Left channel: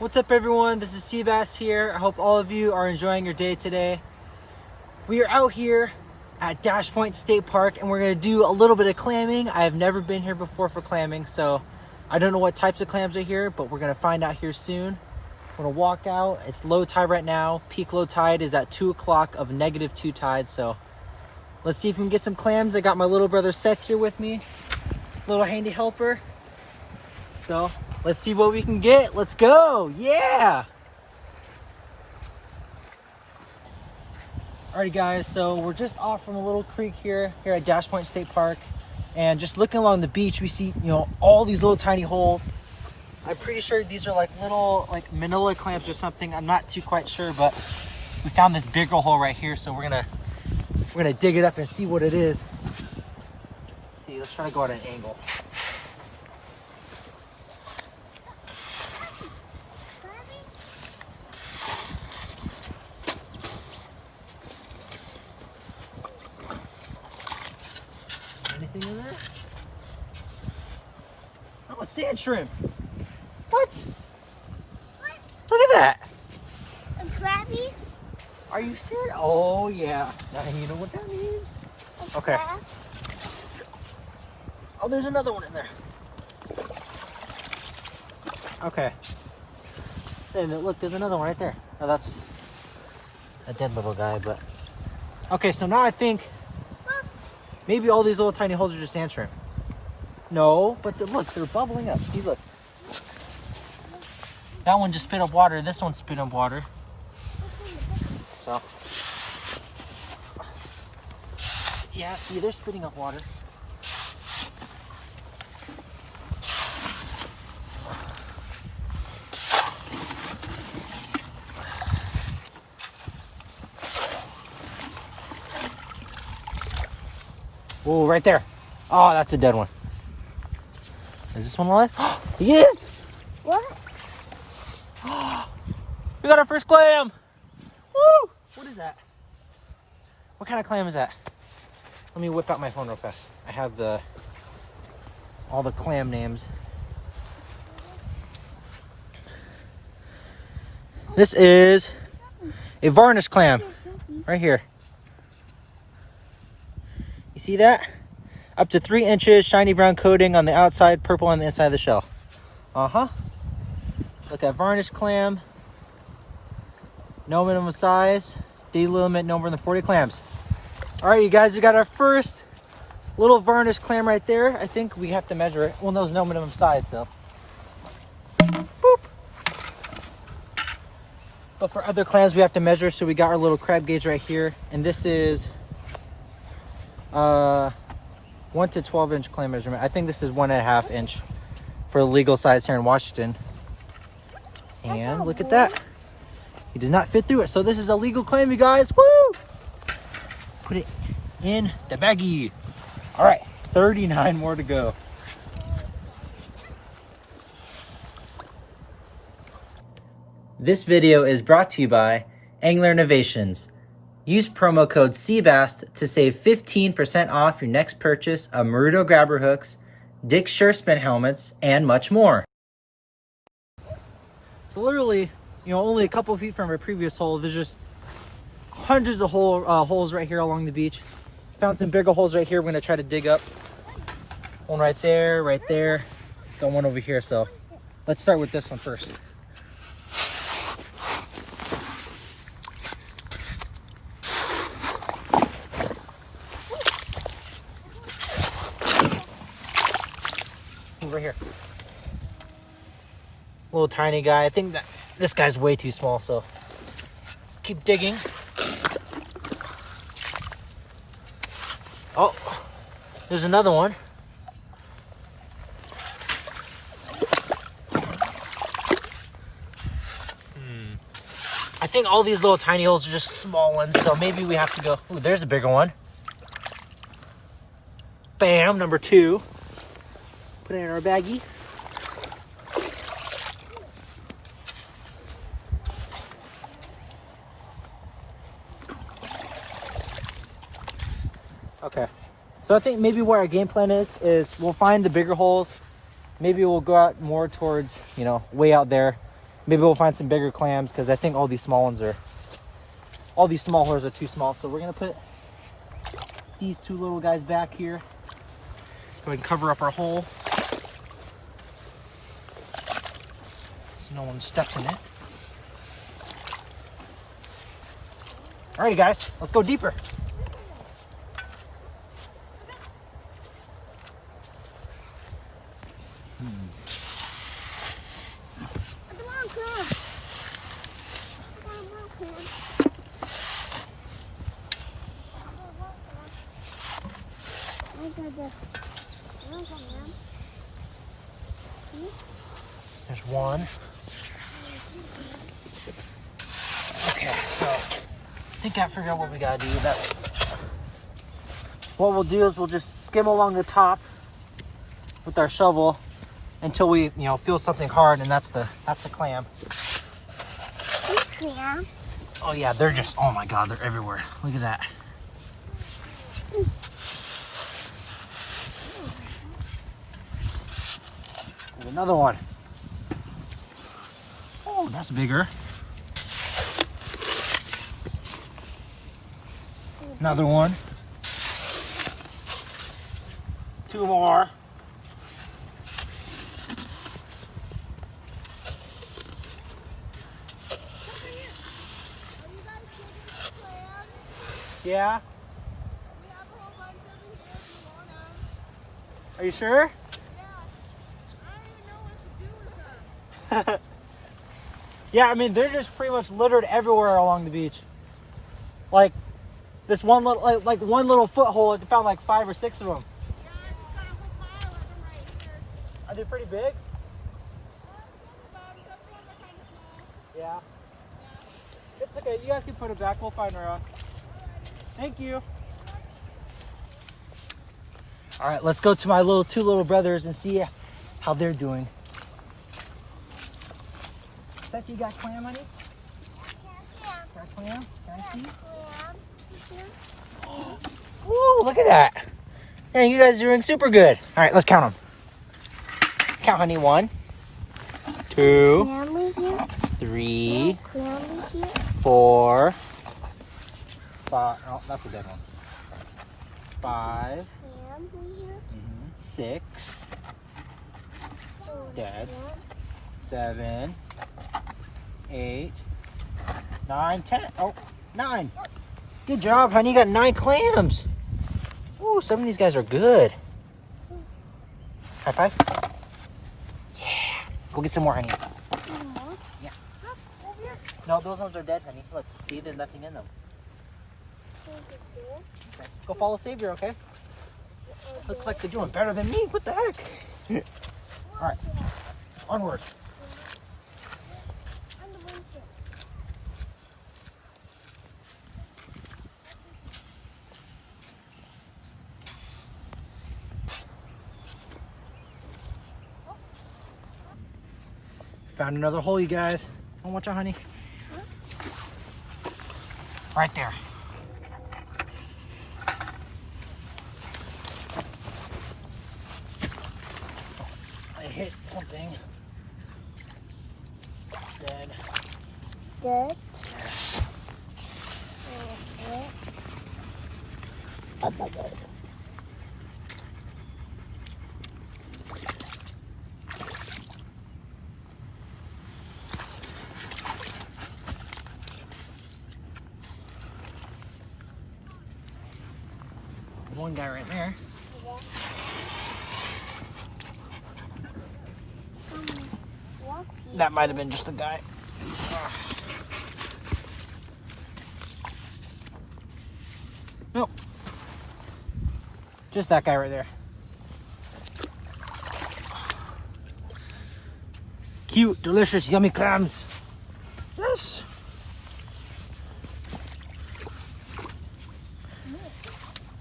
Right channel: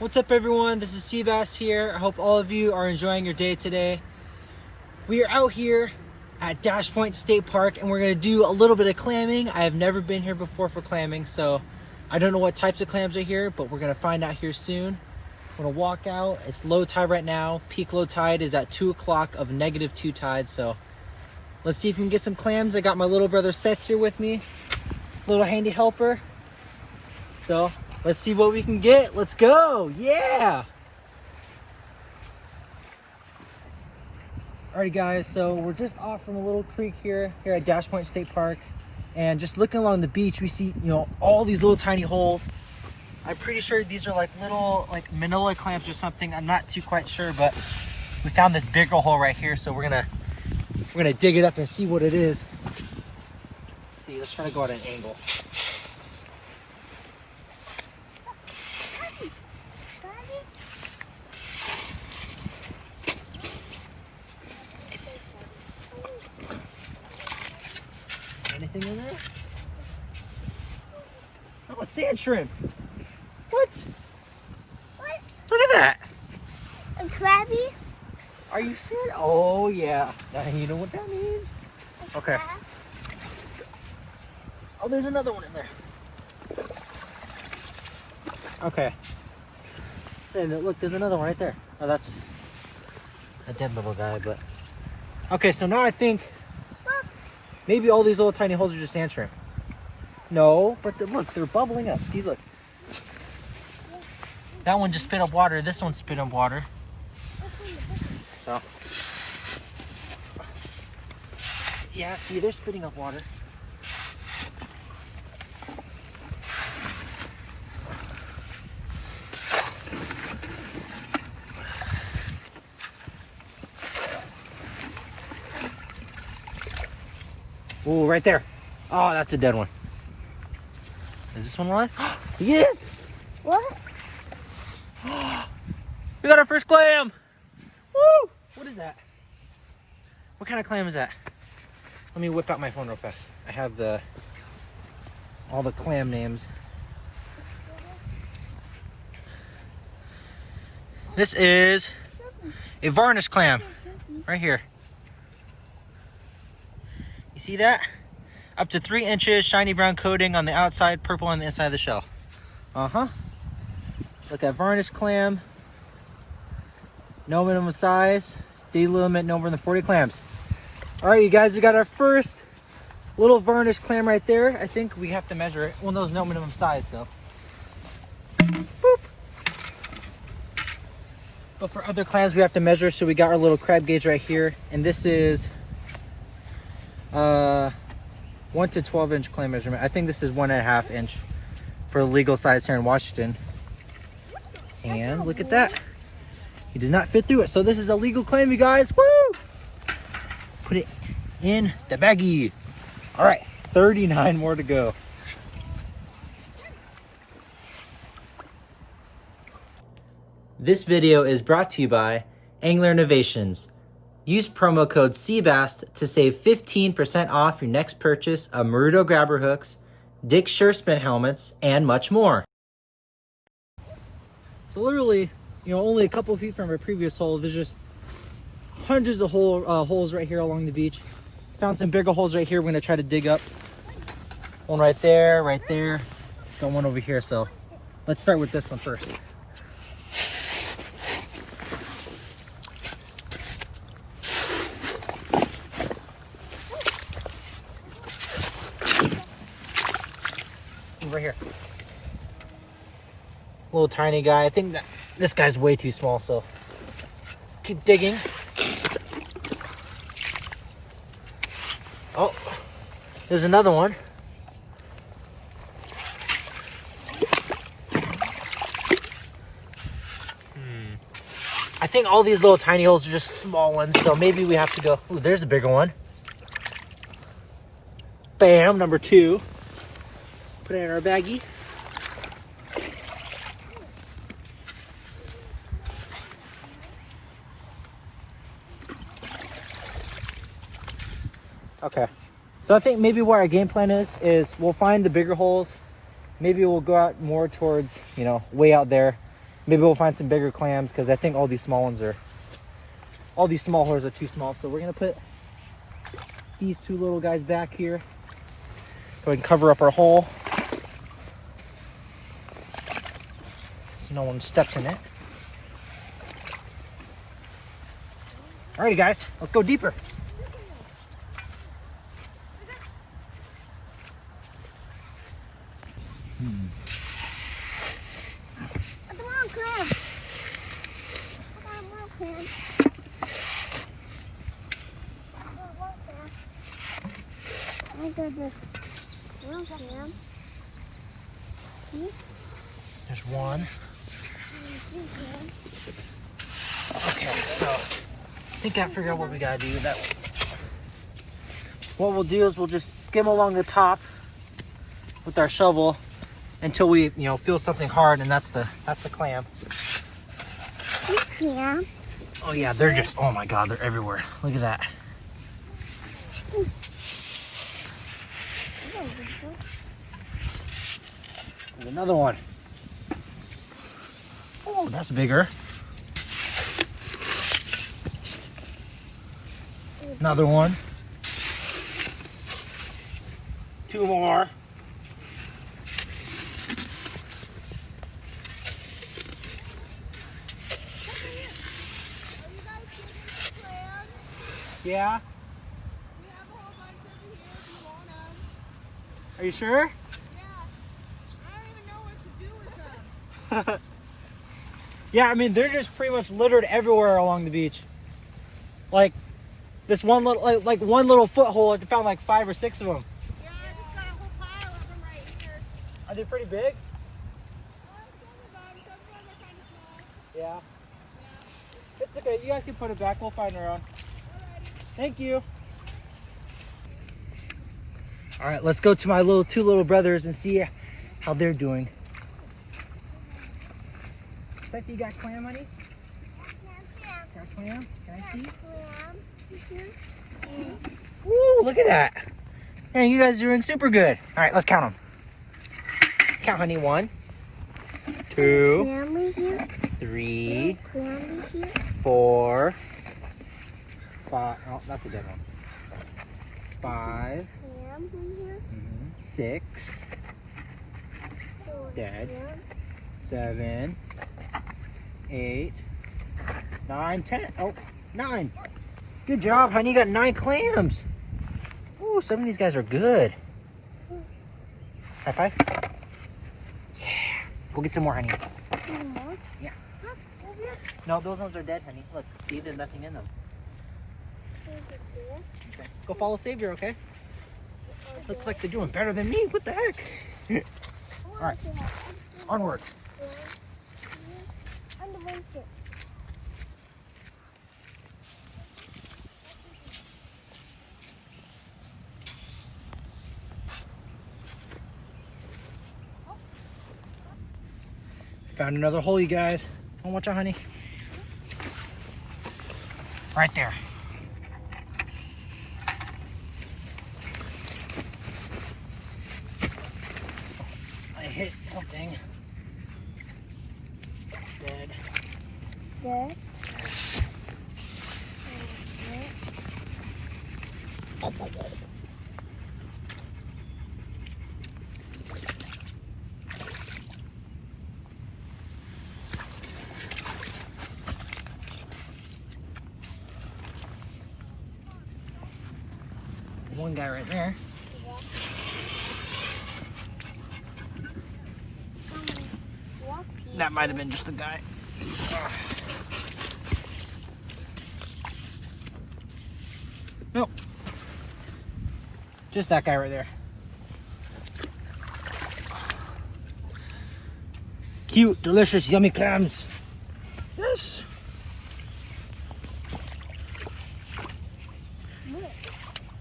What's up everyone, this is Seabass here. I hope all of you are enjoying your day today. We are out here at Dash Point State Park and we're going to do a little bit of clamming. I have never been here before for clamming, so I don't know what types of clams are here, but we're going to find out here soon. We're going to walk out. It's low tide right now. Peak low tide is at 2 o'clock of -2 tide, so let's see if we can get some clams. I got my little brother Seth here with me, little handy helper. So let's see what we can get. Let's go. Yeah. Alrighty guys, so we're just off from a little creek here at Dash Point State Park, and just looking along the beach we see, you know, all these little tiny holes. I'm pretty sure these are like little manila clams or something. I'm not too quite sure, but we found this bigger hole right here, so we're gonna dig it up and see what it is. Let's see, let's try to go at an angle. Anything in there? Oh, a sand shrimp. What? What? Look at that. A crabby? Are you serious? Oh yeah. Now you know what that means. Okay. Crab? Oh, there's another one in there. Okay. Hey, look, there's another one right there. Oh, that's a dead little guy, but. Okay, so now I think maybe all these little tiny holes are just sand shrimp. No, but look, they're bubbling up. See, look. That one just spit up water. This one spit up water. So. Yeah, see, they're spitting up water. Oh, right there. Oh, that's a dead one. Is this one alive? He is! What? We got our first clam! Woo! What is that? What kind of clam is that? Let me whip out my phone real fast. I have all the clam names. This is a Varnish Clam. Right here. You see that? Up to 3 inches, shiny brown coating on the outside, purple on the inside of the shell. Uh-huh. Look at Varnished Clam. No minimum size. Daily limit no more than 40 clams. All right, you guys, we got our first little Varnished Clam right there. I think we have to measure it. Well, there's no minimum size, so. Boop. But for other clams, we have to measure. So we got our little crab gauge right here. And this is 1 to 12 inch clam measurement. I think this is 1.5 inch for the legal size here in Washington. And look at that. He does not fit through it. So this is a legal clam, you guys. Woo! Put it in the baggie. All right, 39 more to go. This video is brought to you by Angler Innovations. Use promo code Seabass to save 15% off your next purchase of Maruto grabber hooks, Dick's Surespin helmets, and much more. So literally, you know, only a couple of feet from our previous hole, there's just hundreds of holes right here along the beach. Found some bigger holes right here. We're gonna try to dig up. One right there, right there. Got one over here, so let's start with this one first. Over here. Little tiny guy. I think that this guy's way too small, so let's keep digging. Oh, there's another one. think all these little tiny holes are just small ones, so maybe we have to go. Ooh, there's a bigger one. Bam, number 2. Put it in our baggie. Okay, so I think maybe what our game plan is we'll find the bigger holes. Maybe we'll go out more towards, you know, way out there. Maybe we'll find some bigger clams because I think all these small holes are too small. So we're gonna put these 2 little guys back here. Go ahead and cover up our hole so no one steps in it. Alrighty guys, let's go deeper. There's one. Okay, so I think I figured out what we gotta do. What we'll do is we'll just skim along the top with our shovel until we, you know, feel something hard, and that's the clam. Clam. Oh yeah, they're just, oh my god, they're everywhere. Look at that. There's another one. Oh, that's bigger. Another one. 2 more. Yeah. We have a whole bunch over here if you want them. Are you sure? Yeah. I don't even know what to do with them. Yeah, I mean, they're just pretty much littered everywhere along the beach. Like this one little, like one little foothold, I found like 5 or 6 of them. Yeah, I just got a whole pile of them right here. Are they pretty big? Some of them are kind of small. Yeah. It's okay. You guys can put it back. We'll find around. Alrighty. Thank you. All right, let's go to my 2 little brothers and see how they're doing. Steffi, you got clam, honey? Got clam? Can I see? Woo, look at that. Yeah, you guys are doing super good. All right, let's count them. Count, honey. 1, 2, 3, 4, 5. Oh, that's a good one. 5, 6, dead. 7, 8, 9, 10. Oh, 9. Good job, honey. You got 9 clams. Ooh, some of these guys are good. High five. Yeah. Go get some more, honey. Yeah. No, those ones are dead, honey. Look, see, there's nothing in them. Okay. Go follow Savior, okay? Looks like they're doing better than me. What the heck? All right. Onward. Found another hole, you guys. Oh, watch out, honey. Right there. I hit something. Dead. Dead. One guy right there. That might have been just a guy. Nope. Just that guy right there. Cute, delicious, yummy clams. Yes.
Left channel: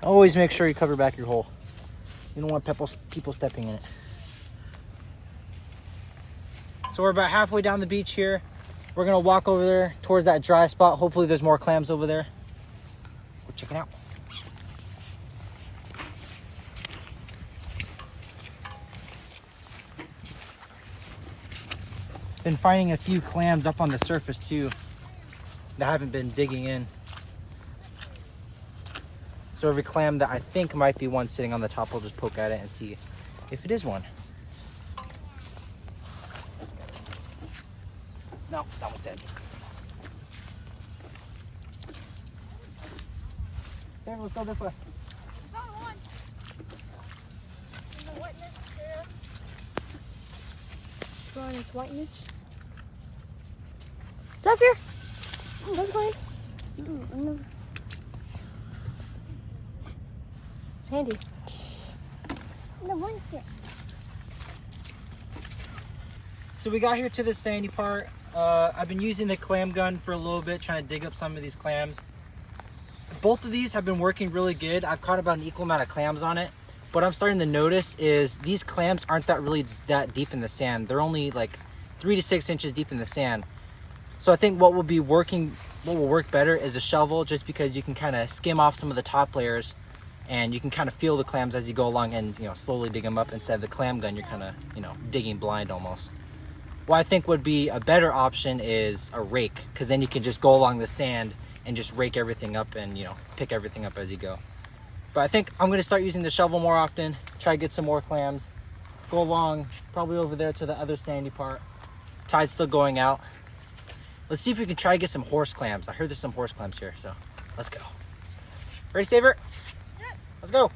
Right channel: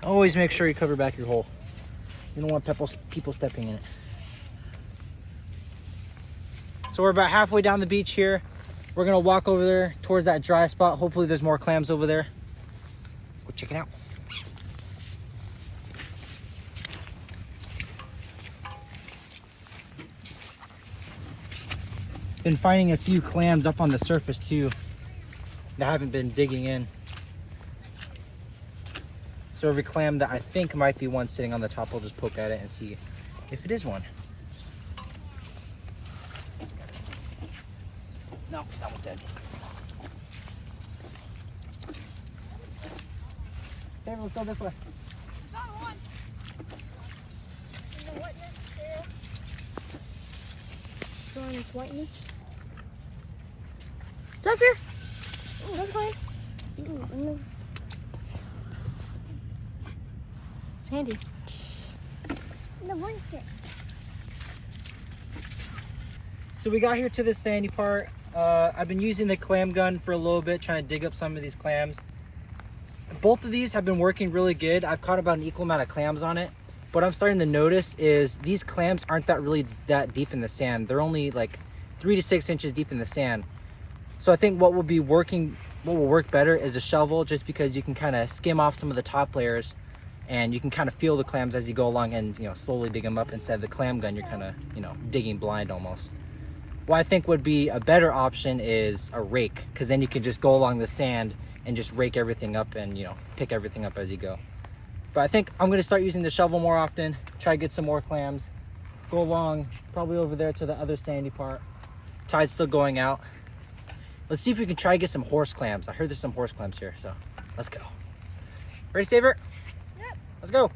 Always make sure you cover back your hole. You don't want people stepping in it. So we're about halfway down the beach here. We're gonna walk over there towards that dry spot. Hopefully there's more clams over there. Go check it out. Been finding a few clams up on the surface too that haven't been digging in. So every clam that I think might be one sitting on the top, we'll just poke at it and see if it is one. No, that one's dead. There, let's go this way. Got one. In the whiteness here. Strong whiteness. Up here. Oh, that's fine. Sandy. No, what is it? So we got here to the sandy part. I've been using the clam gun for a little bit, trying to dig up some of these clams. Both of these have been working really good. I've caught about an equal amount of clams on it. What I'm starting to notice is these clams aren't that deep in the sand. They're only like 3 to 6 inches deep in the sand. So I think what will work better is a shovel, just because you can kind of skim off some of the top layers and you can kind of feel the clams as you go along and, you know, slowly dig them up. Instead of the clam gun, you're kind of, you know, digging blind almost. What I think would be a better option is a rake, because then you can just go along the sand and just rake everything up and, you know, pick everything up as you go. But I think I'm going to start using the shovel more often, try to get some more clams, go along probably over there to the other sandy part. Tide's still going out. Let's see if we can try to get some horse clams. I heard there's some horse clams here, so let's go. Ready, Saver? Yep. Let's go.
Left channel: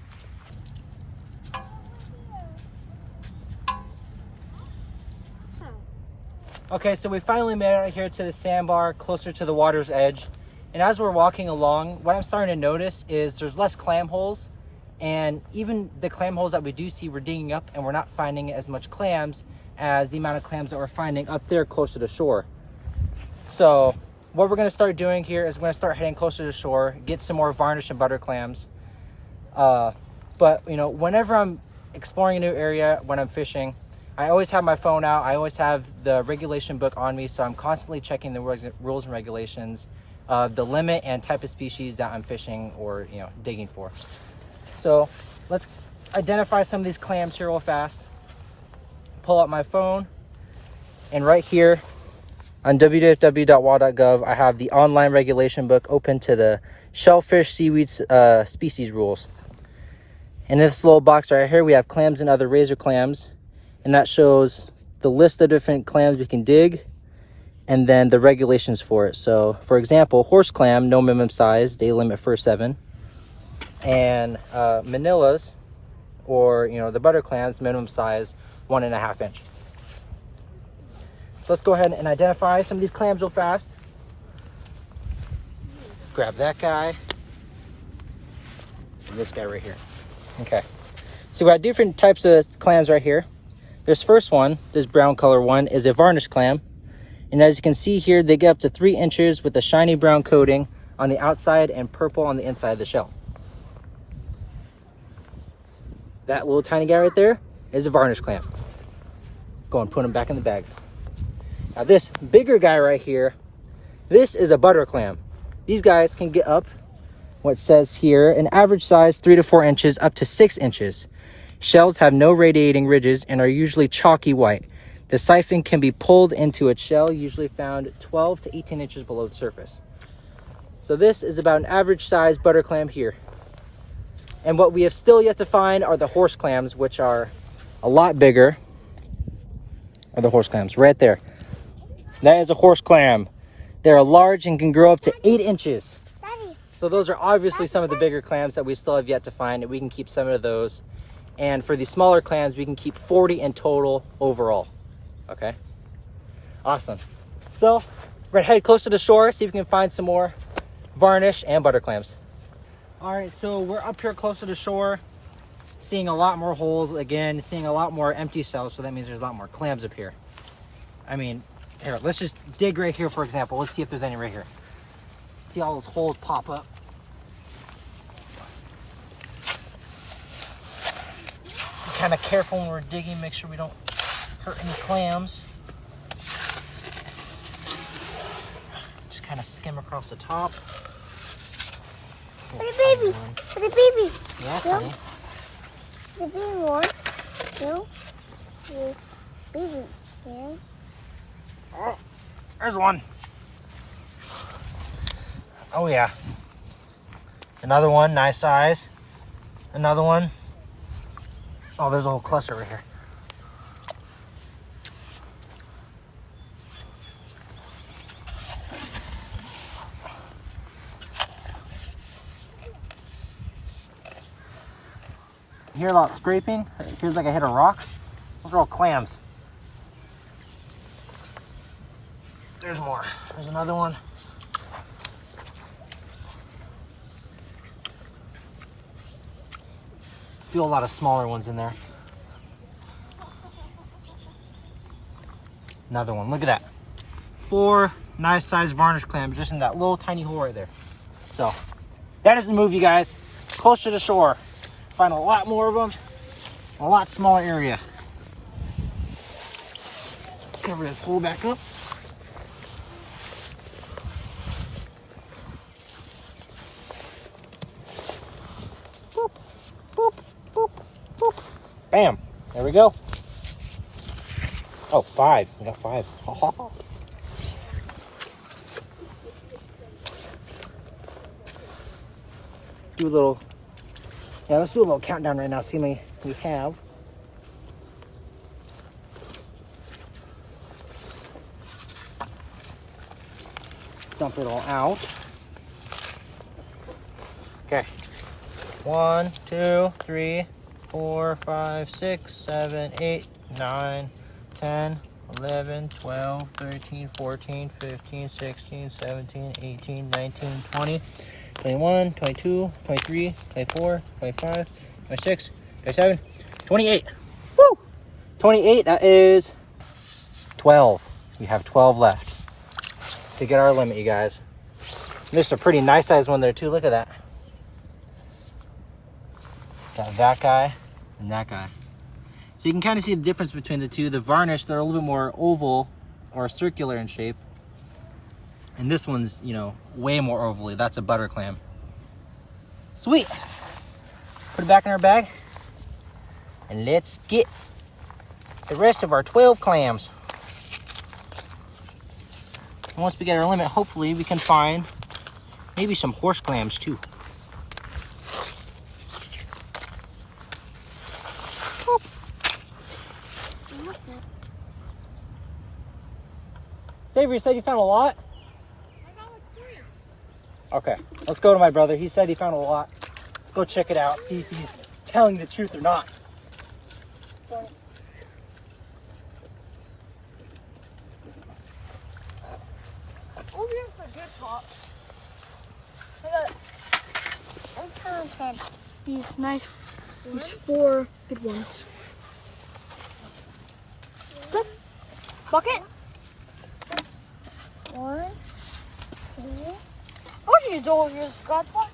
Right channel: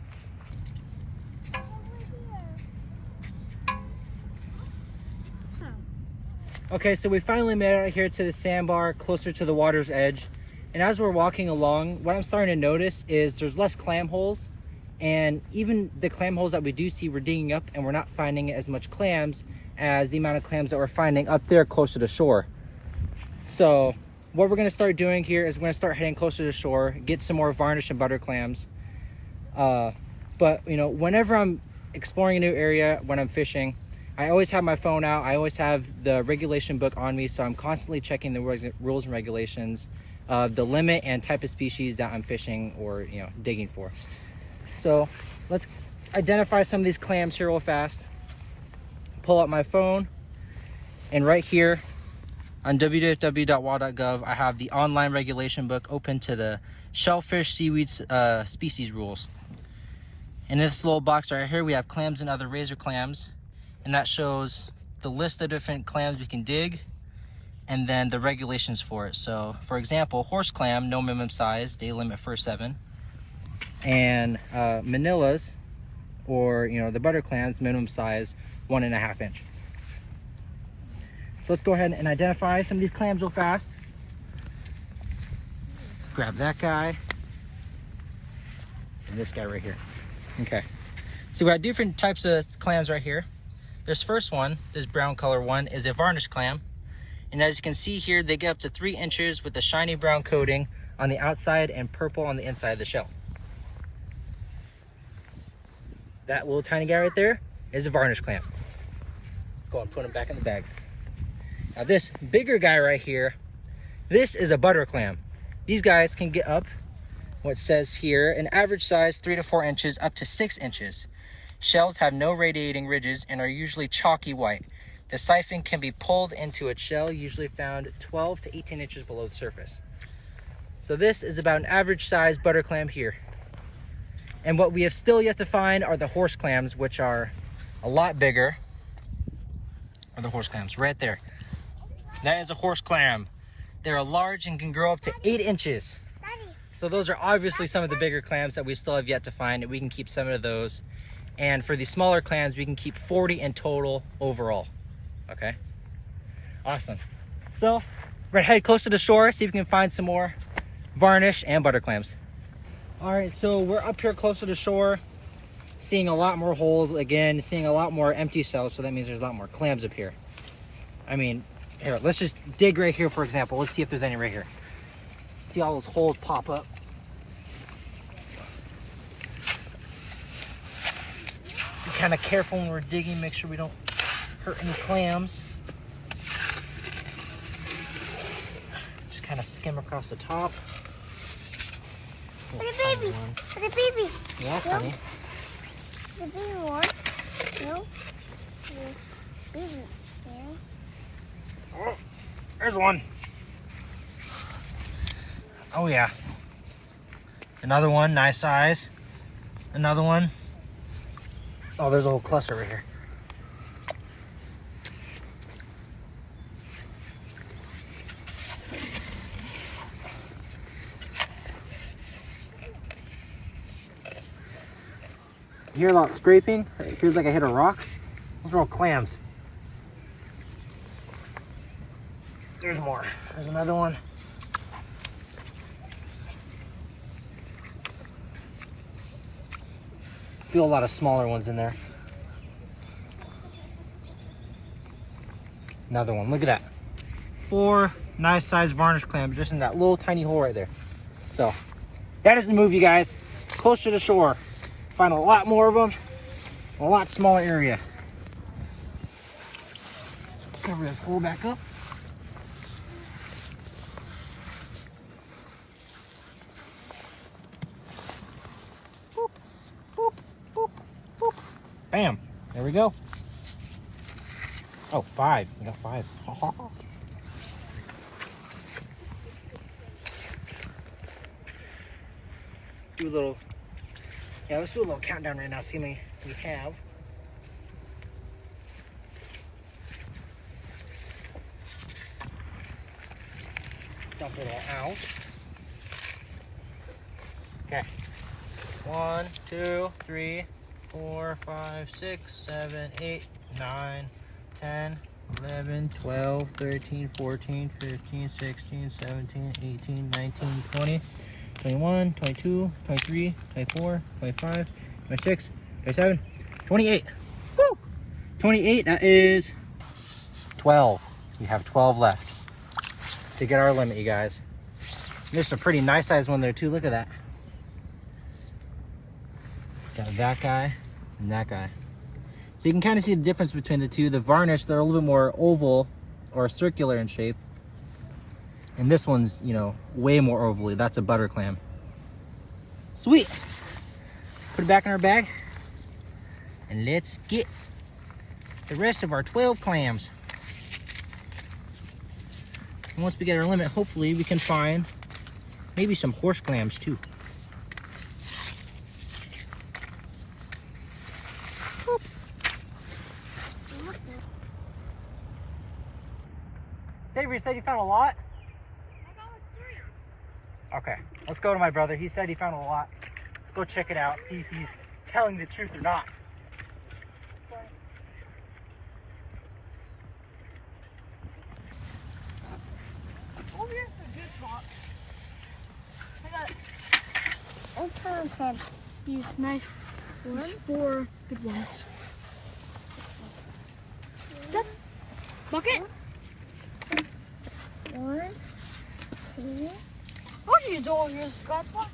Okay, so we finally made it out here to the sandbar, closer to the water's edge. And as we're walking along, what I'm starting to notice is there's less clam holes. And even the clam holes that we do see, we're digging up and we're not finding as much clams as the amount of clams that we're finding up there closer to shore. So what we're gonna start doing here is we're gonna start heading closer to shore, get some more varnish and butter clams. But you know, whenever I'm exploring a new area, when I'm fishing, I always have my phone out. I always have the regulation book on me, so I'm constantly checking the rules and regulations, the limit and type of species that I'm fishing or, you know, digging for. So let's identify some of these clams here real fast. Pull out my phone, and right here on www.wa.gov, I have the online regulation book open to the shellfish seaweed species rules. In this little box right here, we have clams and other razor clams. And that shows the list of different clams we can dig and then the regulations for it. So for example, horse clam, no minimum size, day limit for 7. And Manilas, or, you know, the butter clams, minimum size 1.5 inch. So let's go ahead and identify some of these clams real fast. Grab that guy and this guy right here. Okay, so we got different types of clams right here. This first one, this brown color one, is a varnished clam. And as you can see here, they get up to 3 inches with a shiny brown coating on the outside and purple on the inside of the shell. That little tiny guy right there is a varnished clam. Go and put him back in the bag. Now this bigger guy right here, this is a butter clam. These guys can get up, what says here, an average size 3 to 4 inches up to 6 inches. Shells have no radiating ridges and are usually chalky white. The siphon can be pulled into its shell, usually found 12 to 18 inches below the surface. So this is about an average size butter clam here. And what we have still yet to find are the horse clams, which are a lot bigger. Are the horse clams right there. That is a horse clam. They're large and can grow up to 8 inches. Daddy. So those are obviously some of the bigger clams that we still have yet to find, and we can keep some of those. And for the smaller clams, we can keep 40 in total overall. Okay, awesome. So we're gonna head closer to shore, see if we can find some more varnish and butter clams. All right, so we're up here closer to shore, seeing a lot more holes again, seeing a lot more empty shells. So that means there's a lot more clams up here. I mean, here, let's just dig right here, for example. Let's see if there's any right here. See all those holes pop up. kind of careful when we're digging, make sure we don't hurt any clams. Just kind of skim across the top. Look at baby. Look at baby. Yes, honey. The baby one. Two. Three. Baby. Yeah. Oh, there's one. Oh yeah. Another one, nice size. Another one. Oh, there's a whole cluster right here. You hear a lot of scraping? It feels like I hit a rock. Those are all clams. There's more. There's another one. Feel a lot of smaller ones in there. Another one. Look at that. 4 nice sized varnished clams just in that little tiny hole right there. So that is the move, you guys. Closer to the shore. Find a lot more of them. A lot smaller area. Cover this hole back up. Boop, boop, boop, boop. Bam. There we go. Oh, 5. We got 5. Do a little. Yeah, let's do a little countdown right now. See how many we have. Dump it all out. Okay. 1, 2, 3, 4, 5, 6, 7, 8, 9, 10, 11, 12, 13, 14, 15, 16, 17, 18, 19, 20, 21, 22, 23, 24, 25, 26, 27, 28. Woo! 28, that is 12. We have 12 left to get our limit, you guys. There's a pretty nice sized one there too. Look at that. Got that guy and that guy. So you can kind of see the difference between the two. The varnish, they're a little bit more oval or circular in shape. And this one's, you know, way more ovally. That's a butter clam. Sweet. Put it back in our bag. And let's get the rest of our 12 clams. And once we get our limit, hopefully we can find maybe some horse clams too. Xavier said you found a lot? I got like 3. Okay, let's go to my brother. He said he found a lot. Let's go check it out, see if he's telling the truth or not. Over here's the good spot. I counted These nice ones. 4 good ones. Good. Bucket. 1, 2. Oh, you don't use scratch one.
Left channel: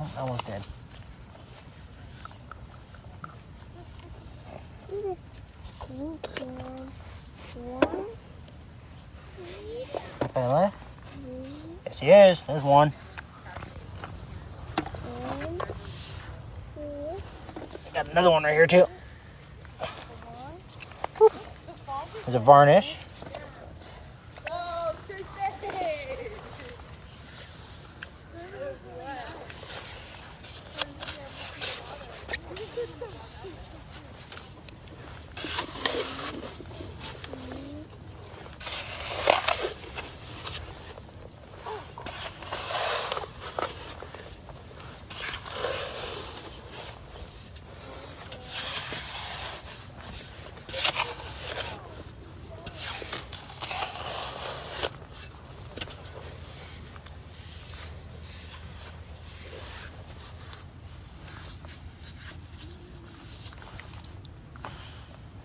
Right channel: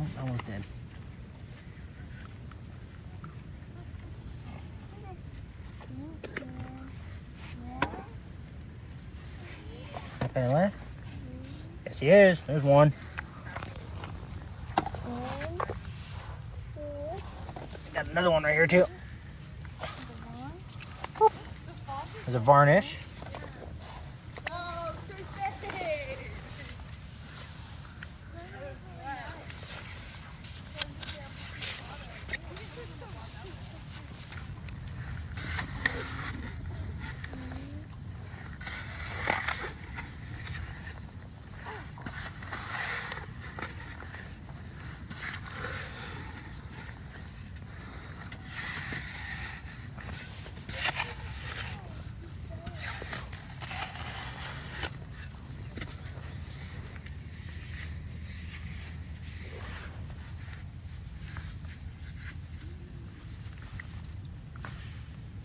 Oh, that one's dead. Taylor? Yes, he is. There's one. Got another one right here too. There's a varnish.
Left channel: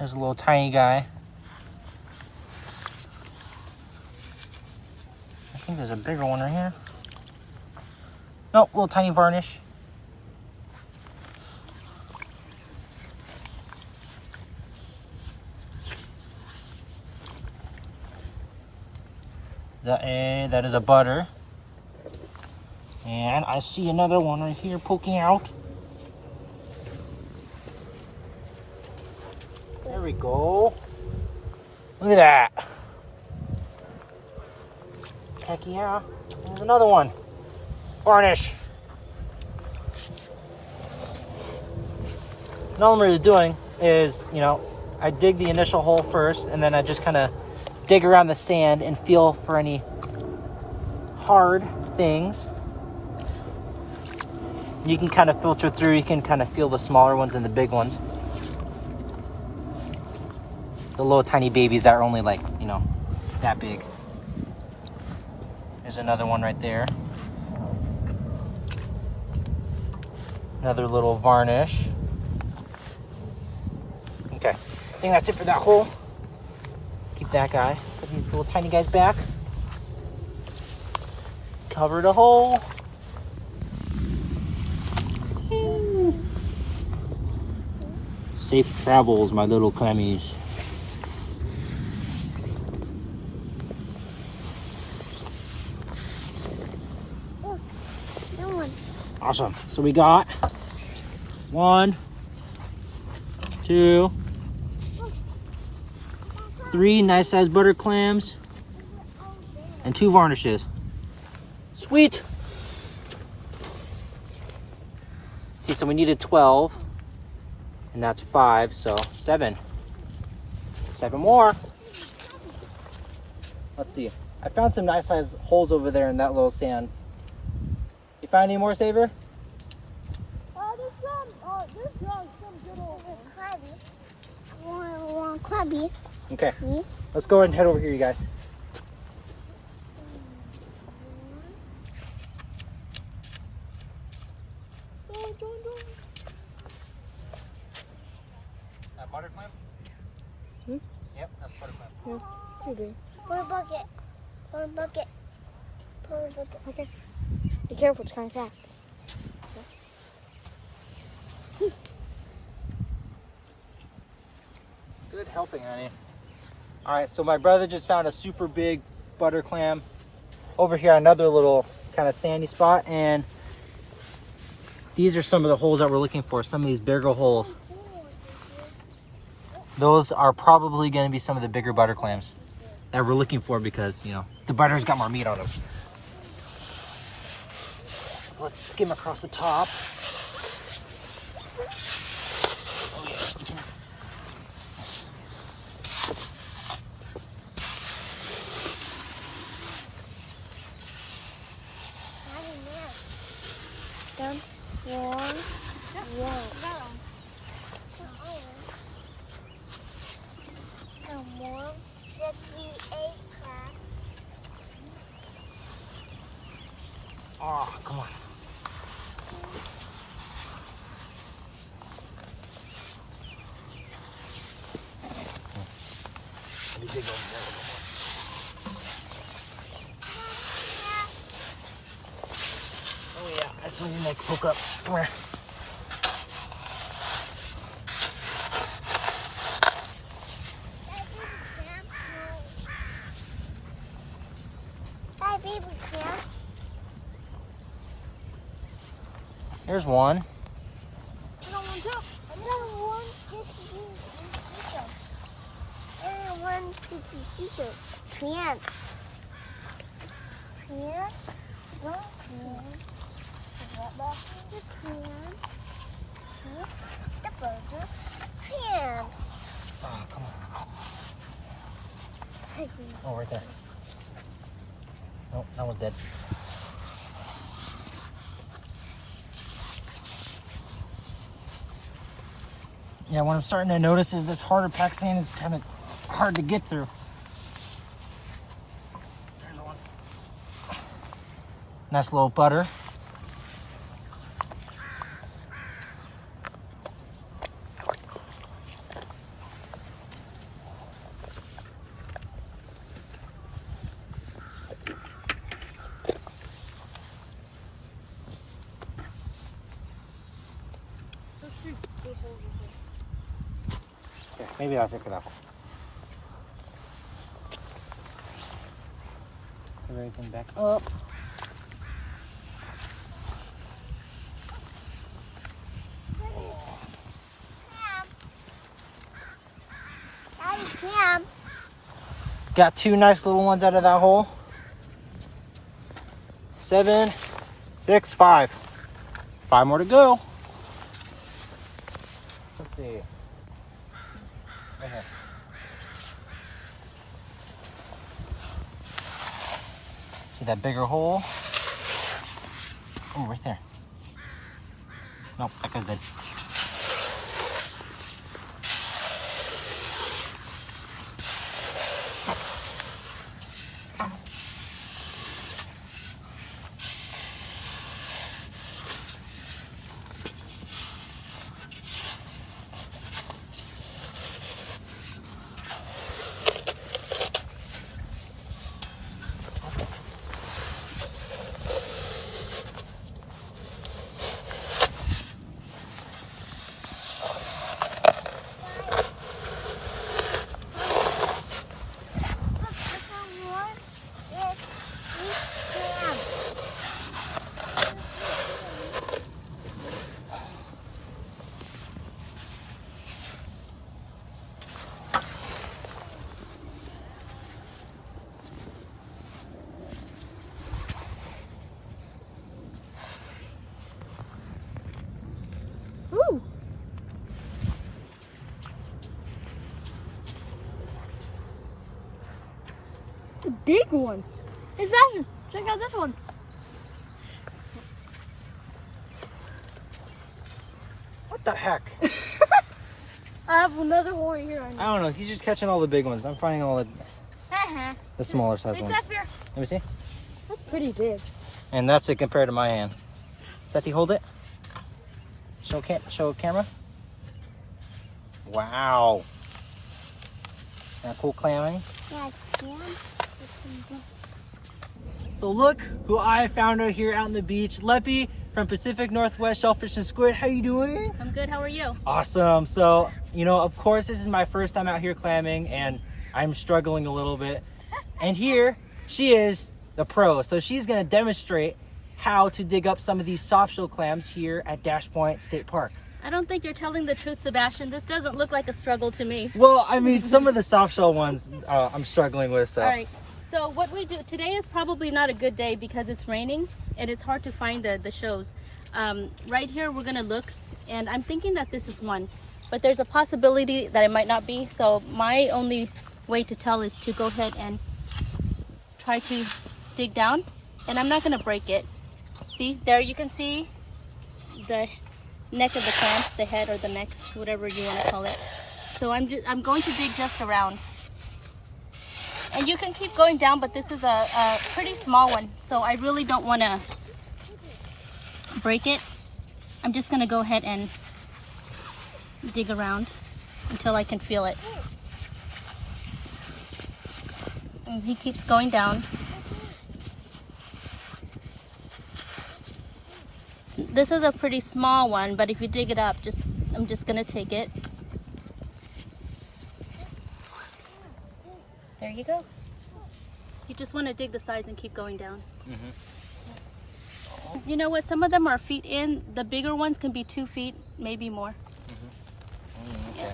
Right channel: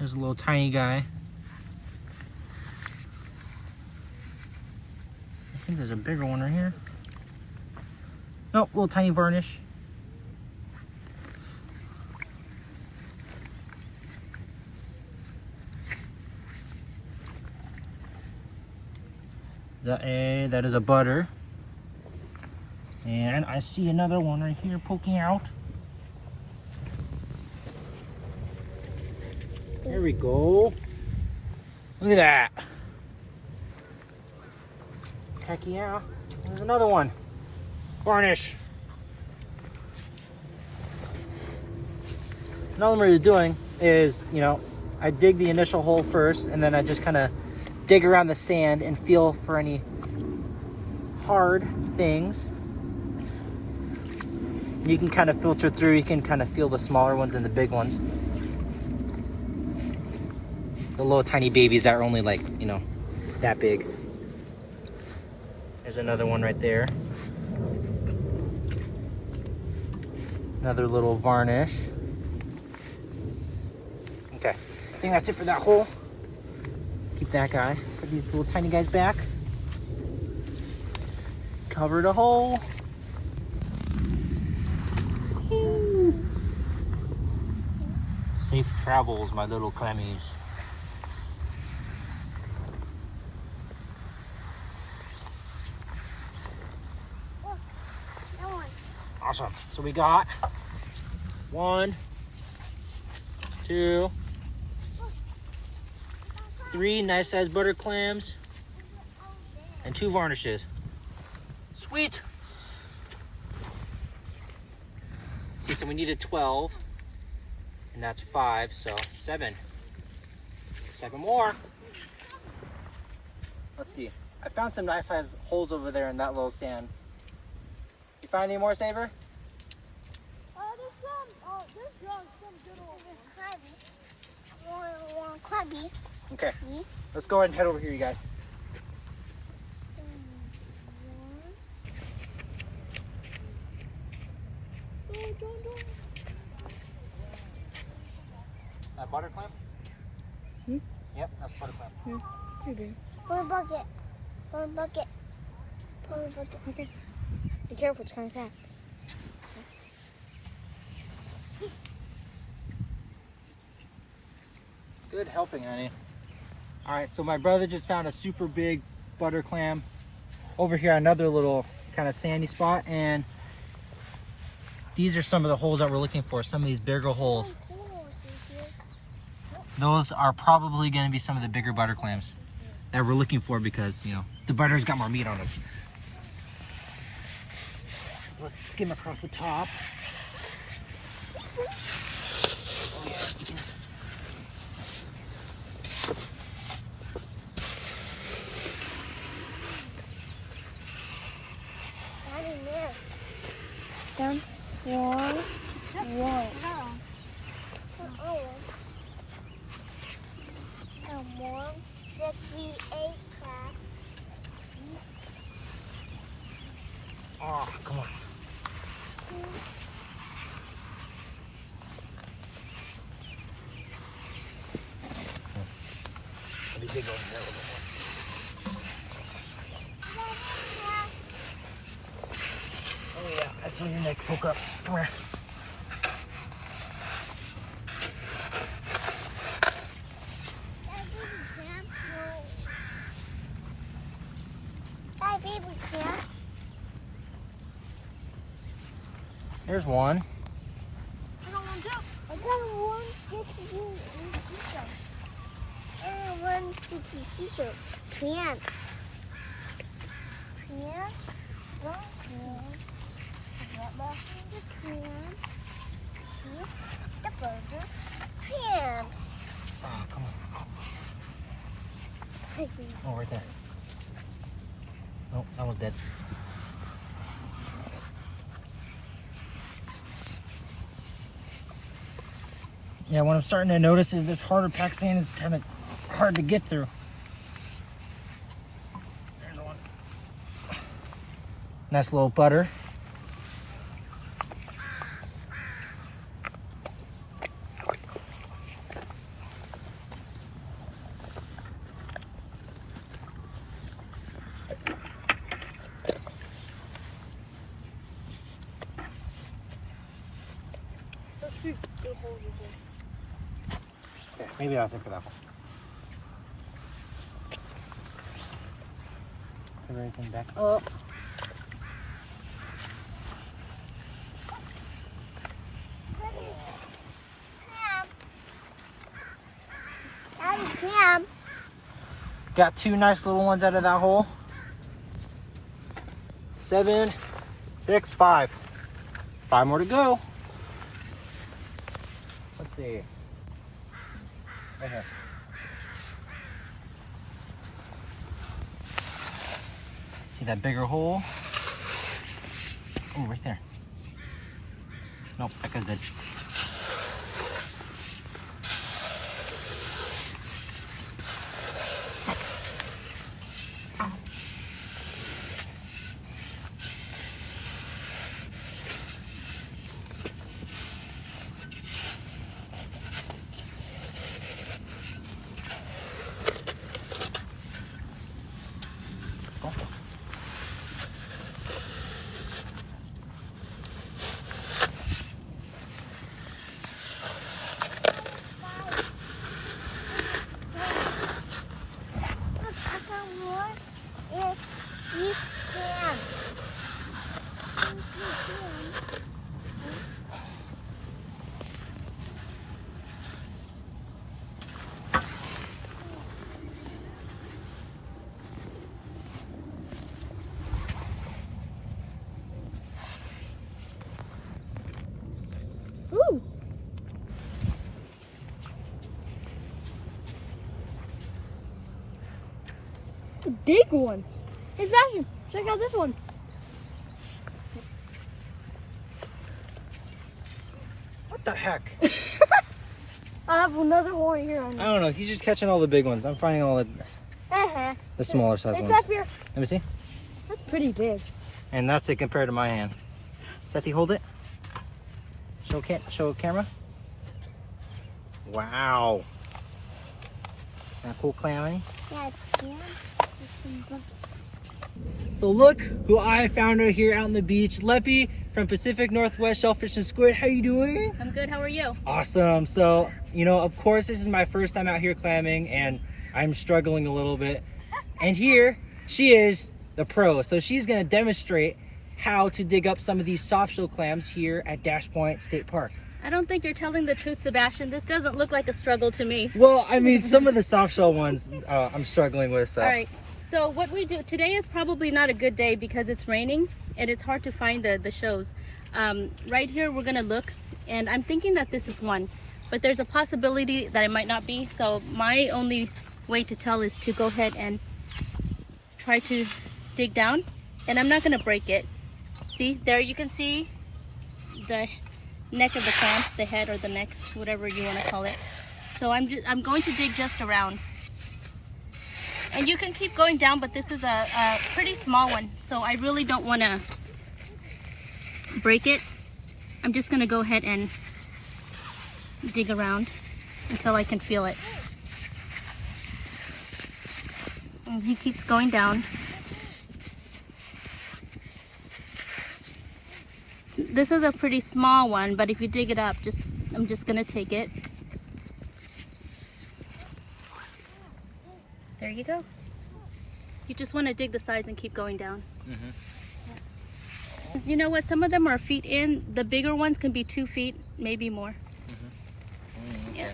There's a little tiny guy. I think there's a bigger one right here. Nope, little tiny varnish. That is a butter. And I see another one right here poking out. There we go. Look at that. Heck yeah. There's another one. Varnish. And all I'm really doing is, you know, I dig the initial hole first, and then I just kind of dig around the sand and feel for any hard things. You can kind of filter through, you can kind of feel the smaller ones and the big ones. The little tiny babies that are only like, you know, that big. There's another one right there. Another little varnish. Okay, I think that's it for that hole. Keep that guy. Put these little tiny guys back. Cover the hole. Woo. Safe travels, my little clammies. Look, no one. Awesome. So we got 1, 2, 3 nice sized butter clams and 2 varnishes. Sweet. See, so we needed 12, and that's 5, so 7. 7 more. Let's see. I found some nice sized holes over there in that little sand. You find any more, Saber? This one's some good old crabby. One crabby. Okay. Let's go ahead and head over here, you guys. That butter clam? Yep, that's butter clam. Pull a bucket. Pull a bucket. Pull a bucket. Okay. Be careful, it's kind of fast. Good helping, honey. All right, so my brother just found a super big butter clam over here, another little kind of sandy spot, and these are some of the holes that we're looking for, some of these bigger holes. Those are probably going to be some of the bigger butter clams that we're looking for because, you know, the butter's got more meat on them. So let's skim across the top. Oh yeah, you can. Down. One. And 1, 68 crab. Oh, come on. Let me dig over here a little bit. Oh yeah, that's something like poke up. Come here. There's one. I don't want to. I don't want 60 seashell. I want 60 seashell. Clam. Clam. One clam. Get back in the clam. See the burger. Clams. Oh, come on. I see. Oh, right there. Oh, that one's dead. Yeah, what I'm starting to notice is this harder packed sand is kind of hard to get through. There's one. Nice little butter. Maybe I'll take it off. Put everything back up. Daddy's clam. Got 2 nice little ones out of that hole. 7, 6, 5. 5 more to go. Let's see. Right here. See that bigger hole? Oh, right there. Nope, that goes dead. Ooh. A big one. Hey Sebastian, check out this one. What the heck? I have another hole right here. I don't know. He's just catching all the big ones. I'm finding all the smaller size ones. Except here. Let me see. That's pretty big. And that's it compared to my hand. Sethi, hold it. Show camera. Wow. That cool clamming. Yeah, clam. So look who I found out here out on the beach. Leppie from Pacific Northwest Shellfish and Squid. How you doing? I'm good, how are you? Awesome. So, you know, of course this is my first time out here clamming and I'm struggling a little bit. And here she is, the pro. So she's gonna demonstrate how to dig up some of these soft shell clams here at Dash Point State Park. I don't think you're telling the truth, Sebastian. This doesn't look like a struggle to me. Well, I mean, some of the soft shell ones I'm struggling with. So. All right, so what we do, today is probably not a good day because it's raining and it's hard to find the shows. Right here, we're gonna look and I'm thinking that this is one, but there's a possibility that it might not be. So my only way to tell is to go ahead and try to dig down, and I'm not gonna break it. See, there you can see the neck of the clam, the head or the neck, whatever you want to call it. So I'm going to dig just around. And you can keep going down, but this is a pretty small one, so I really don't want to break it. I'm just going to go ahead and dig around until I can feel it. And he keeps going down. This is a pretty small one, but if you dig it up, I'm just gonna take it. There you go. You just want to dig the sides and keep going down. Mm-hmm. You know what? Some of them are feet in. The bigger ones can be 2 feet, maybe more. Mm-hmm. Yeah.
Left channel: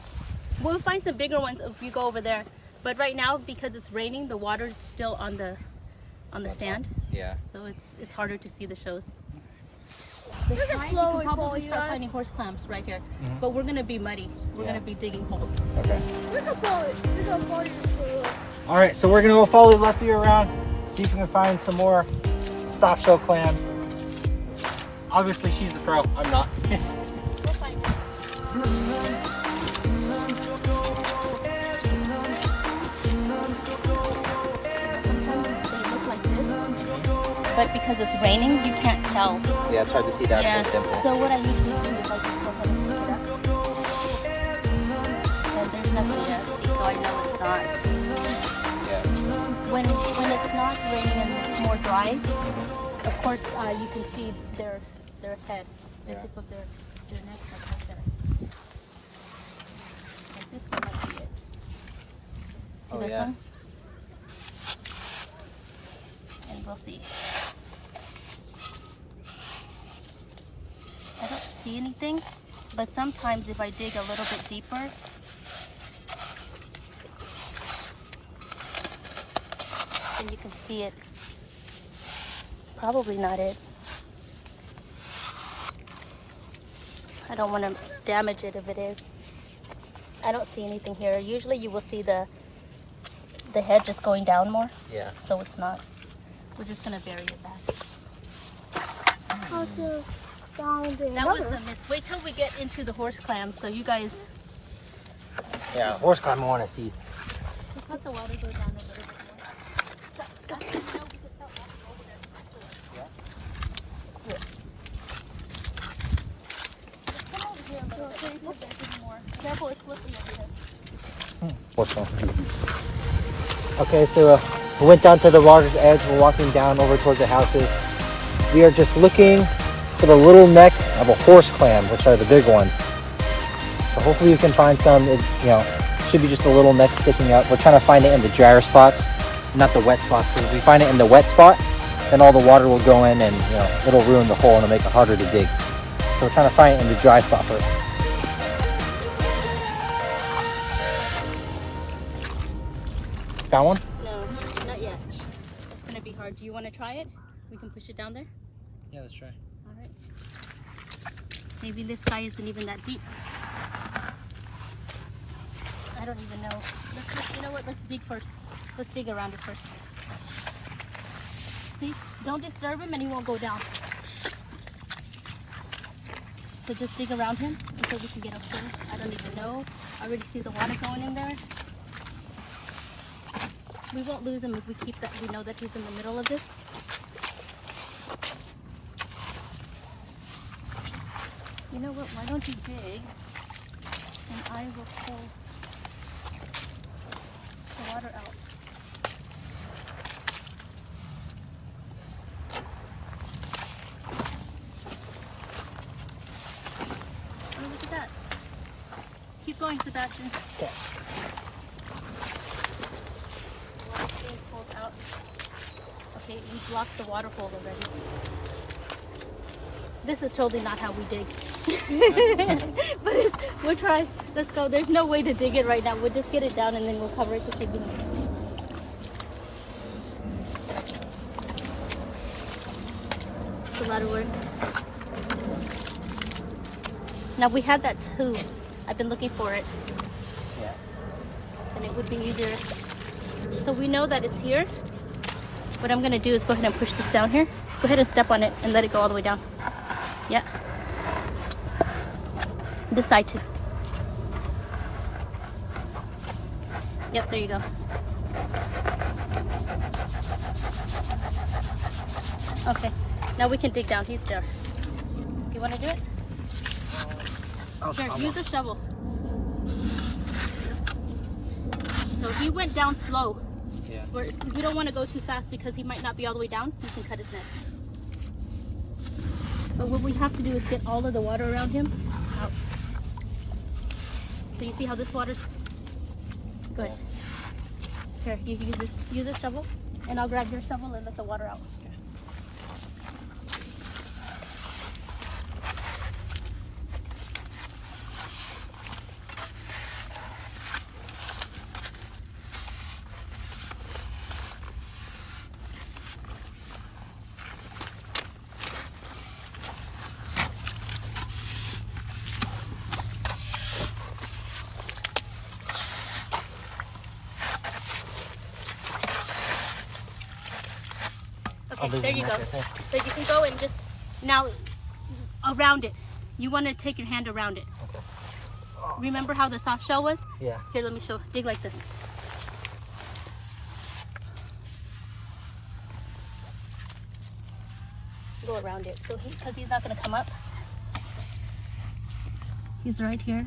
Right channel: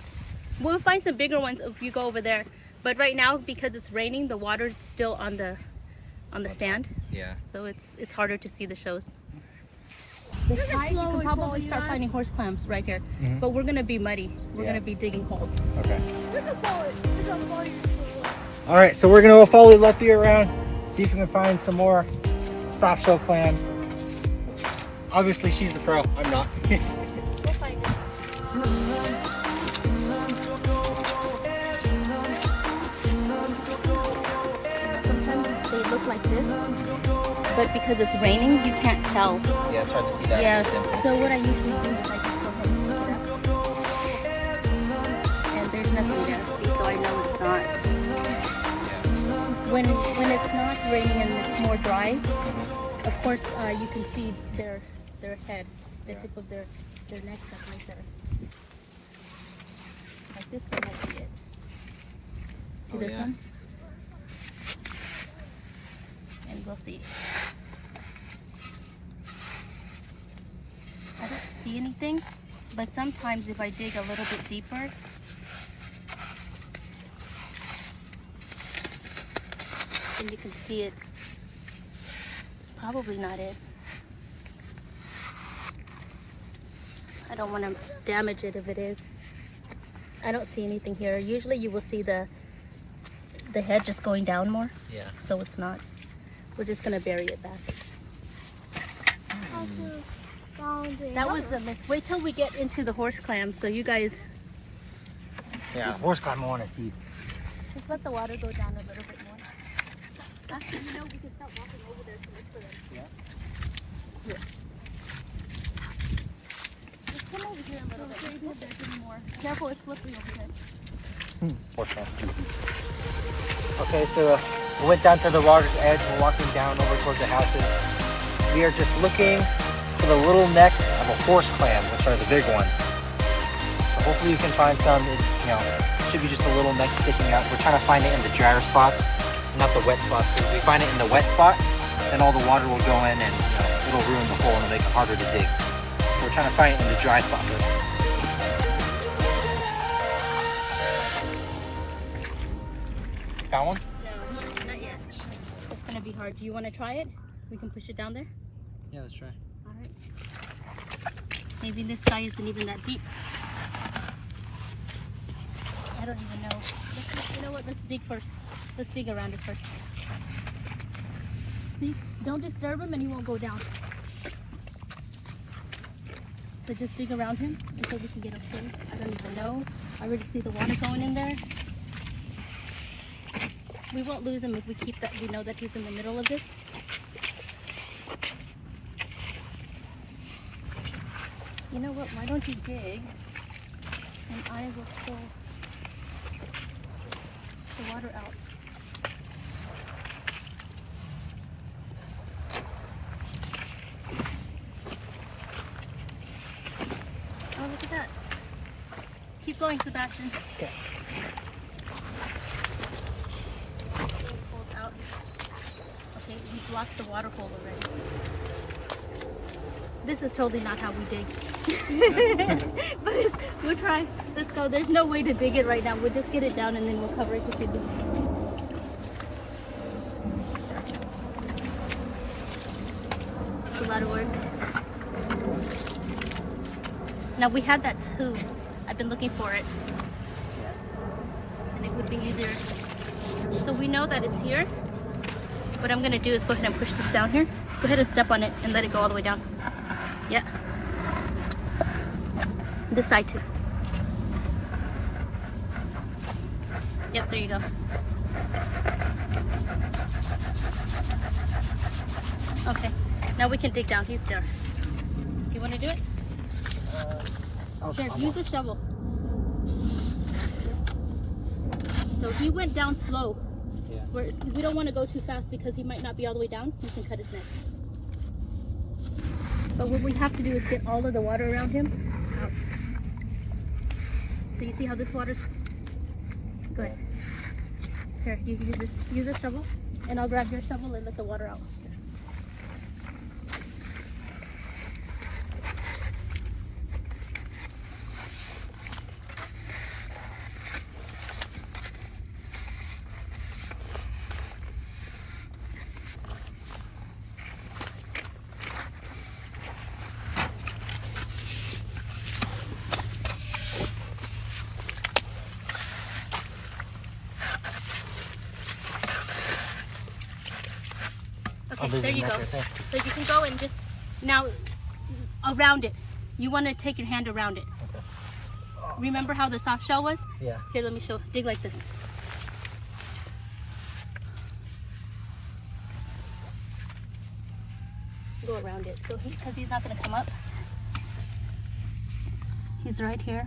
We'll find some bigger ones if you go over there. But right now, because it's raining, the water's still on the sand. Yeah. So it's harder to see the shows. You can probably start finding horse clams right here, but we're gonna be muddy. We're gonna be digging holes. All right, so we're gonna go follow Leppie around, see if we can find some more soft shell clams. Obviously, she's the pro. I'm not. We'll find it. Sometimes they look like this, but because it's raining, you can't tell. Yeah, it's hard to see that. Yeah. So what I usually do is I just go ahead and pick it up. And there's nothing there, see, so I know it's not. When it's not raining and it's more dry, of course you can see their head, the tip of their neck, that's right there. Like This one might be it. See this yeah. one? And we'll see. I don't see anything, but sometimes if I dig a little bit deeper, then you can see it. Probably not it. I don't want to damage it if it is. I don't see anything here. Usually you will see the head just going down more. Yeah. So it's not. We're just gonna bury it back. That was a miss. Wait till we get into the horse clam so you guys Yeah, horse clam I want to see. just let the water go down a little bit more. Actually, you know, we can start walking over there to look for it. Yeah. Just come over here a little bit. Let's see if there's any more. Careful, it's slippery over here. Horse clam. Okay, so we went down to the water's edge. We're walking down over towards the houses. We are just looking for the little neck of a horse clam, which are the big ones. So hopefully you can find some. It, should be just a little neck sticking out. We're trying to find it in the drier spots, not the wet spots. Because if we find it in the wet spot, then all the water will go in and it'll ruin the hole and it'll make it harder to dig. So we're trying to find it in the dry spot first. Found one? No, not yet. It's gonna be hard. Do you want to try it? We can push it down there. Yeah, let's try. All right. Maybe this guy isn't even that deep. I don't even know. You know what? Let's dig first. Let's dig around it first. See? Don't disturb him and he won't go down. So just dig around him until we can get up there. I don't even know. I already see the water going in there. We won't lose him if we keep that. We know that he's in the middle of this. You know what? Why don't you dig and I will pull the water out. Oh, look at that. Keep going, Sebastian. Okay. Okay, we blocked the water hole already. This is totally not how we dig. But we'll try. Let's go. There's no way to dig it right now. We'll just get it down and then we'll cover it to see if we can. It's a lot of work. Now we have that tube. I've been looking for it. Yeah. And it would be easier. So we know that it's here. What I'm gonna do is go ahead and push this down here. Go ahead and step on it and let it go all the way down. Yeah. This side too. Yep, there you go. Okay, now we can dig down. He's there. You want to do it? Sure, use a shovel. So he went down slow. Yeah. We don't want to go too fast because he might not be all the way down. He can cut his neck. But what we have to do is get all of the water around him out. So you see how this water's... Go ahead. Here, you use this shovel, and I'll grab your shovel and let the water out. Okay, there you go. So you can go and just, now, around it. You want to take your hand around it. Okay. Remember how the soft shell was? Yeah. Here, let me show. Dig like this. Go around it. So because he's not going to come up. He's right here.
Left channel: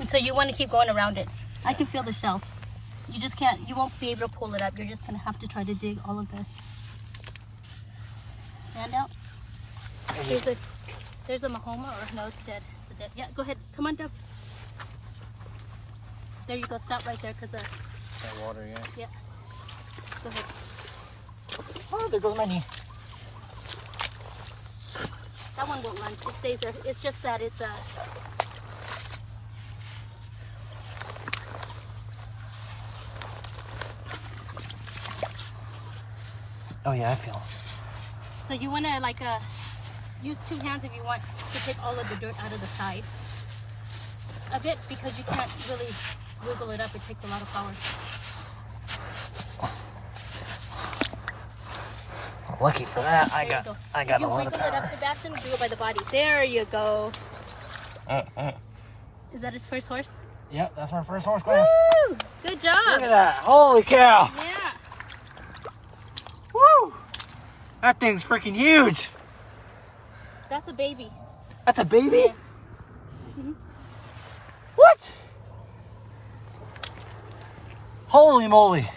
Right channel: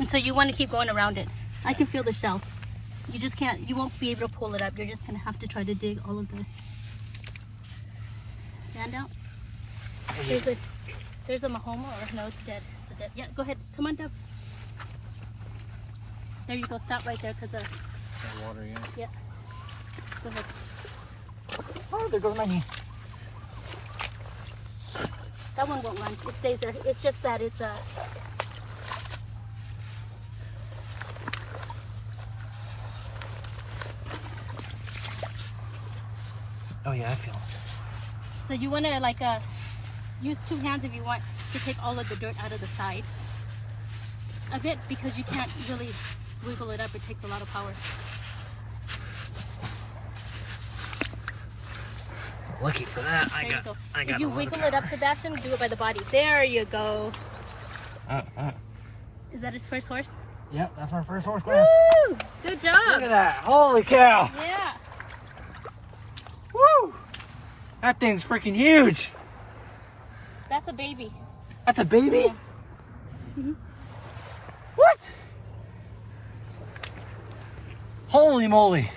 And so you want to keep going around it. I can feel the shell. You just can't, you won't be able to pull it up. You're just going to have to try to dig all of the sand out. Here's it. There's a mahoma, or no, it's dead. It's dead. Yeah, go ahead. Come on down. There you go. Stop right there, cause Water, yeah. yeah. Go ahead. Oh, there goes my knee. That one won't run. It stays there. It's just that it's Oh yeah, I feel it. So you want to like use 2 hands if you want to take all of the dirt out of the side a bit, because you can't really wiggle it up. It takes a lot of power. Lucky for that, There you go. I got If you a lot of wiggle it up, Sebastian, do it by the body. There you go. Is that his first horse? Yep, that's my first horse clam. Woo! Good job. Look at that! Holy cow! Yeah. Woo! That thing's freaking huge. That's a baby. That's a baby? Yeah. Mm-hmm. What? Holy moly!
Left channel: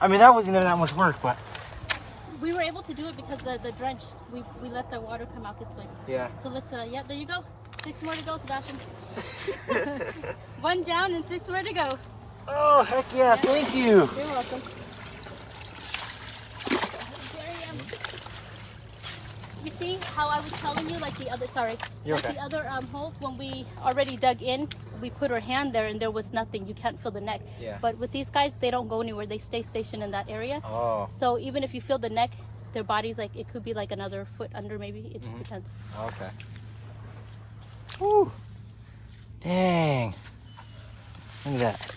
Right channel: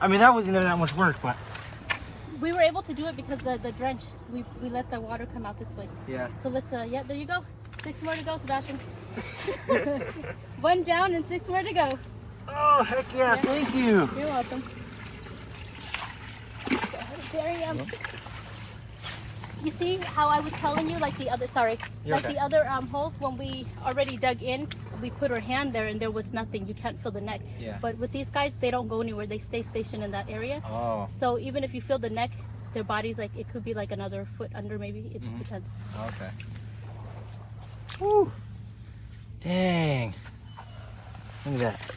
I mean, that wasn't even that much work, but We were able to do it because the drench. We let the water come out this way. yeah. So let's yeah, there you go. 6 more to go, Sebastian. 1 down and 6 more to go. Oh heck yeah! Yeah. Thank you. You're welcome. You see how I was telling you, like the other, sorry, You're like okay. the other holes, when we already dug in, we put our hand there and there was nothing. You can't feel the neck. Yeah. But with these guys, they don't go anywhere. They stay stationed in that area. Oh, So even if you feel the neck, their body's like, it could be like another foot under maybe. It just depends. okay. Woo! Dang! Look at that.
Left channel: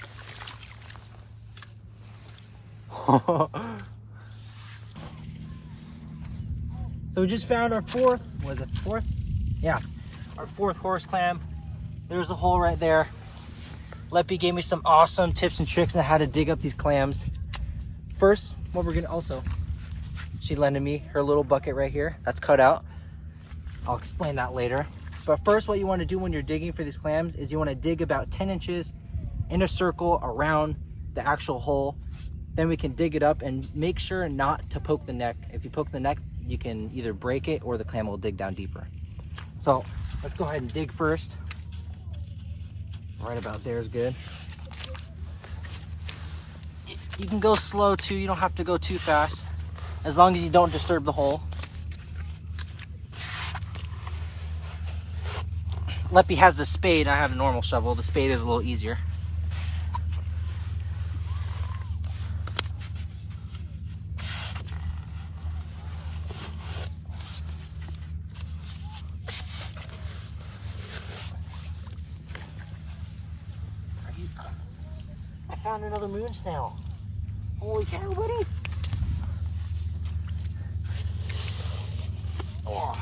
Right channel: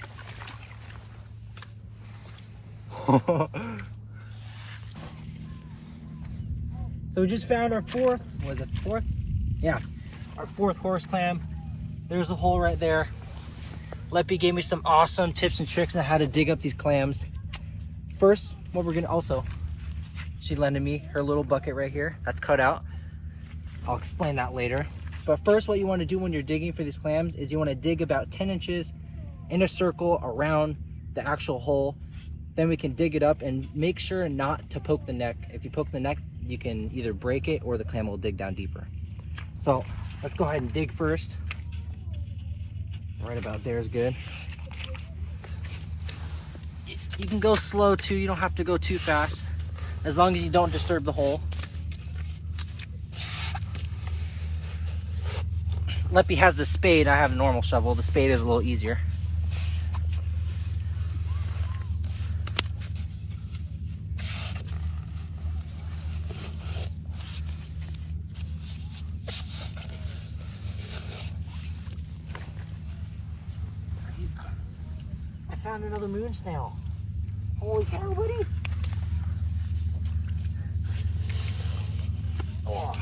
So we just found our fourth. Was it fourth? Yeah, our 4th horse clam. There's a hole right there. Leppie gave me some awesome tips and tricks on how to dig up these clams. First, what we're gonna also, she lended me her little bucket right here. That's cut out. I'll explain that later. But first, what you want to do when you're digging for these clams is you want to dig about 10 inches in a circle around the actual hole. Then we can dig it up and make sure not to poke the neck. If you poke the neck, you can either break it or the clam will dig down deeper. So let's go ahead and dig first. Right about there is good. You can go slow too. You don't have to go too fast, as long as you don't disturb the hole. Leppie has the spade. I have a normal shovel. The spade is a little easier. I found another moon snail. Holy cow, buddy. Oh.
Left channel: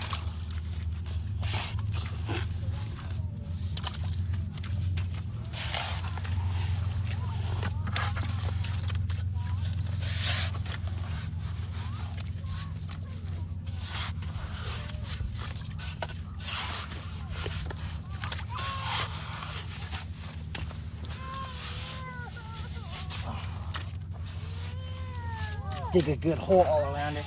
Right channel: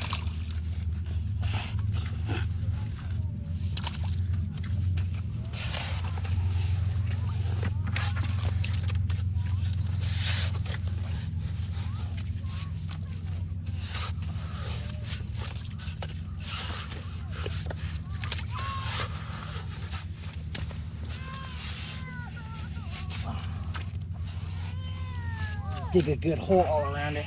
Dig a good hole all around it.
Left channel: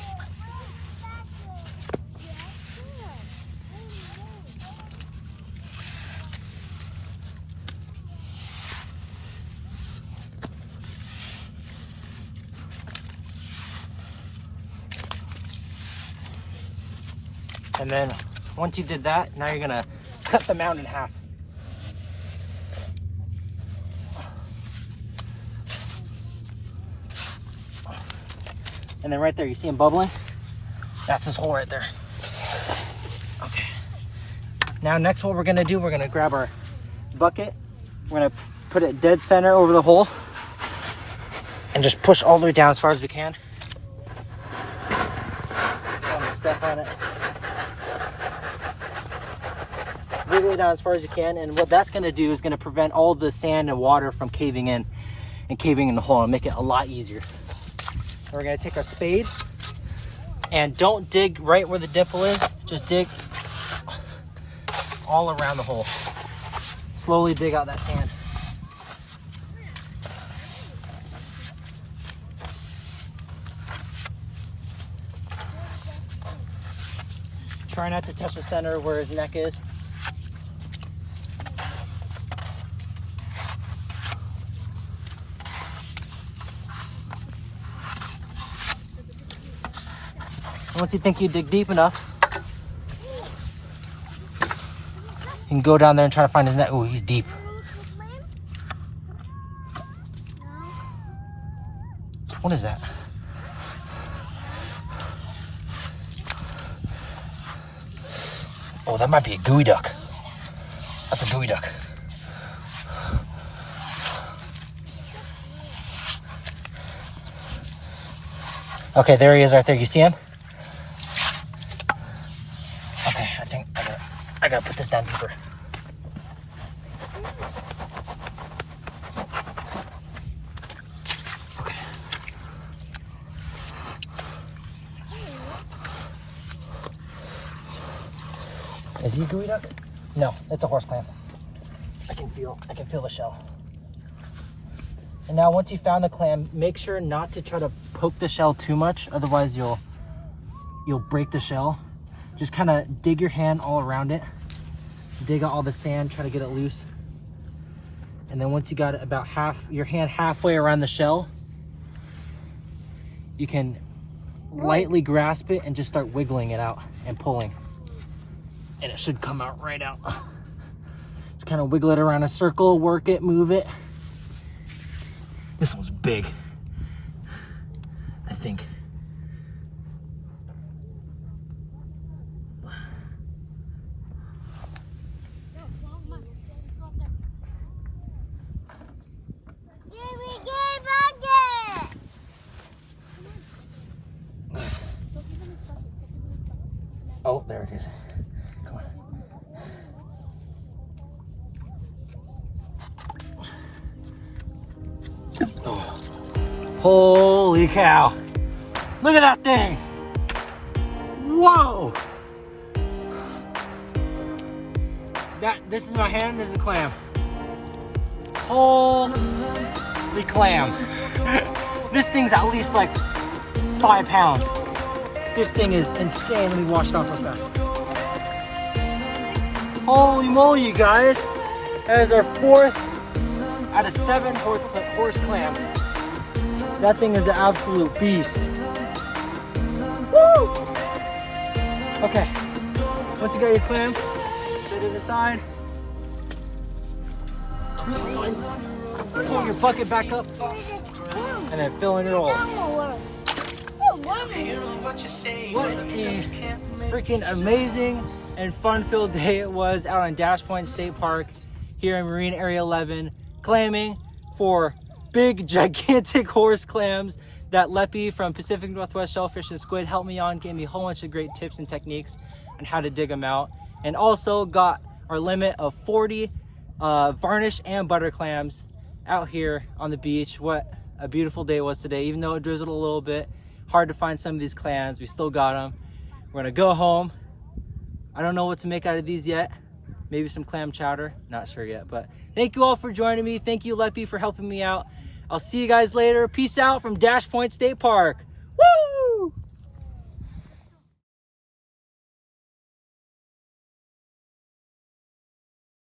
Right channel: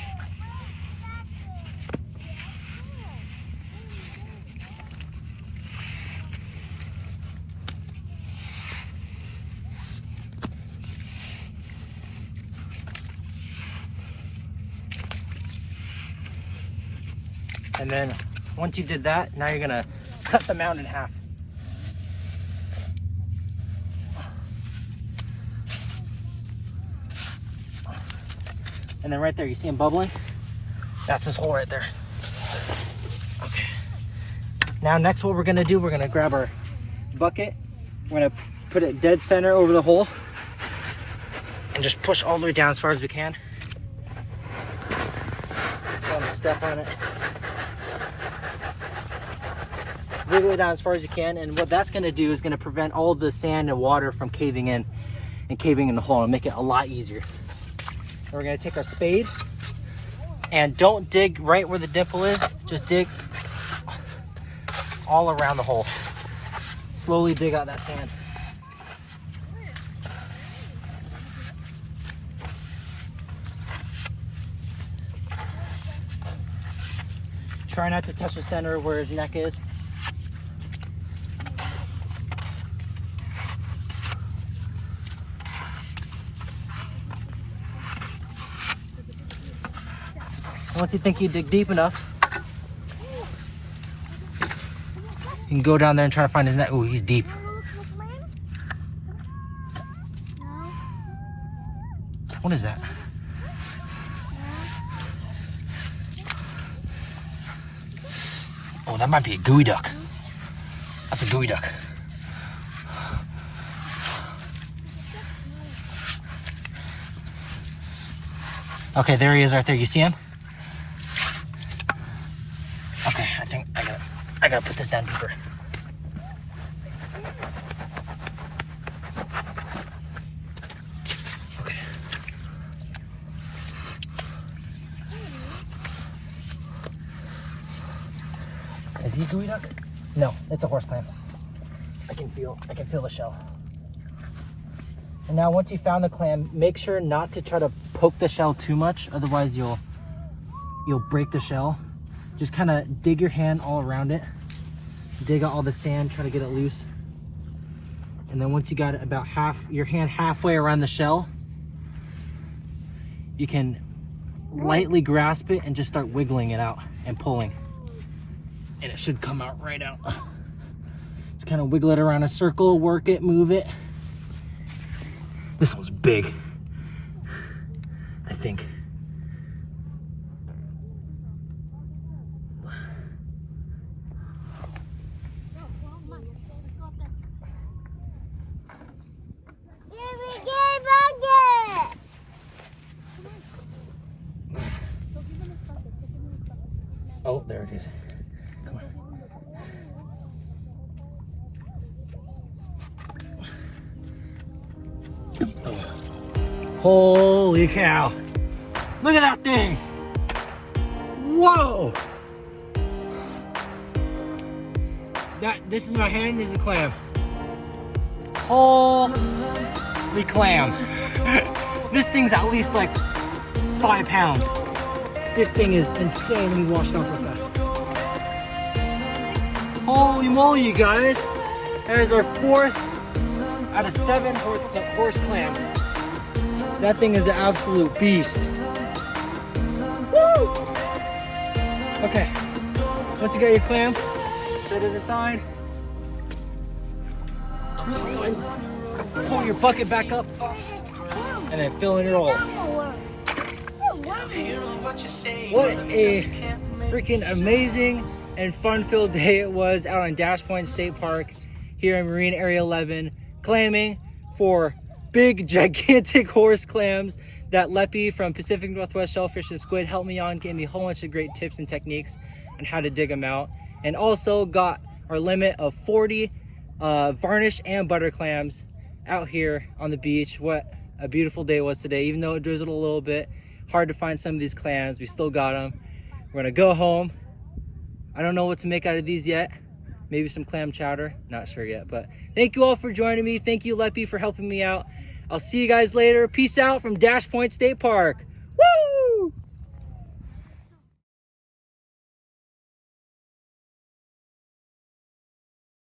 And then once you did that, now you're gonna cut the mound in half. And then right there, you see him bubbling? That's his hole right there. Okay. Now next what we're gonna do, we're gonna grab our bucket. We're gonna put it dead center over the hole and just push all the way down as far as we can. Don't step on it. Wiggle it down as far as you can, and what that's gonna do is gonna prevent all the sand and water from caving in and caving in the hole and make it a lot easier. We're gonna take our spade and don't dig right where the dimple is, just dig all around the hole. Slowly dig out that sand. Try not to touch the center where his neck is. Once you think you dig deep enough, you can go down there and try to find his neck. Oh, he's deep. What is that? Oh, that might be a gooey duck. That's a gooey duck. Okay, there he is right there. You see him? Okay, I think I gotta put this down deeper. Okay. Is he a gooey duck? No, it's a horse clam. I can feel the shell. And now once you found the clam, make sure not to try to poke the shell too much, otherwise you'll break the shell. Just kind of dig your hand all around it. Dig out all the sand, try to get it loose. And then once you got it about your hand halfway around the shell, you can lightly grasp it and just start wiggling it out and pulling. And it should come out right out. Just kind of wiggle it around a circle, work it, move it. This one's big, I think. Oh, there it is. Come on. Oh. Holy cow. Look at that thing. Whoa. This is my hand, this is a clam. Holy clam. This thing's at least like 5 pounds. This thing is insanely washed off with that. Holy moly, you guys. That is our 4th out of 7 horse clam. That thing is an absolute beast. Woo! Okay, once you got your clam, set it aside. Pull your bucket back up and then fill in your hole. What a freaking amazing and fun-filled day it was out on Dash Point State Park here in Marine Area 11, clamming for big, gigantic horse clams that Leppie from Pacific Northwest Shellfish and Squid helped me on, gave me a whole bunch of great tips and techniques on how to dig them out, and also got our limit of 40 varnished and butter clams out here on the beach. What a beautiful day it was today. Even though it drizzled a little bit, hard to find some of these clams, we still got them. We're gonna go home. I don't know what to make out of these yet. Maybe some clam chowder, not sure yet. But thank you all for joining me. Thank you, Leppie, for helping me out. I'll see you guys later. Peace out from Dash Point State Park.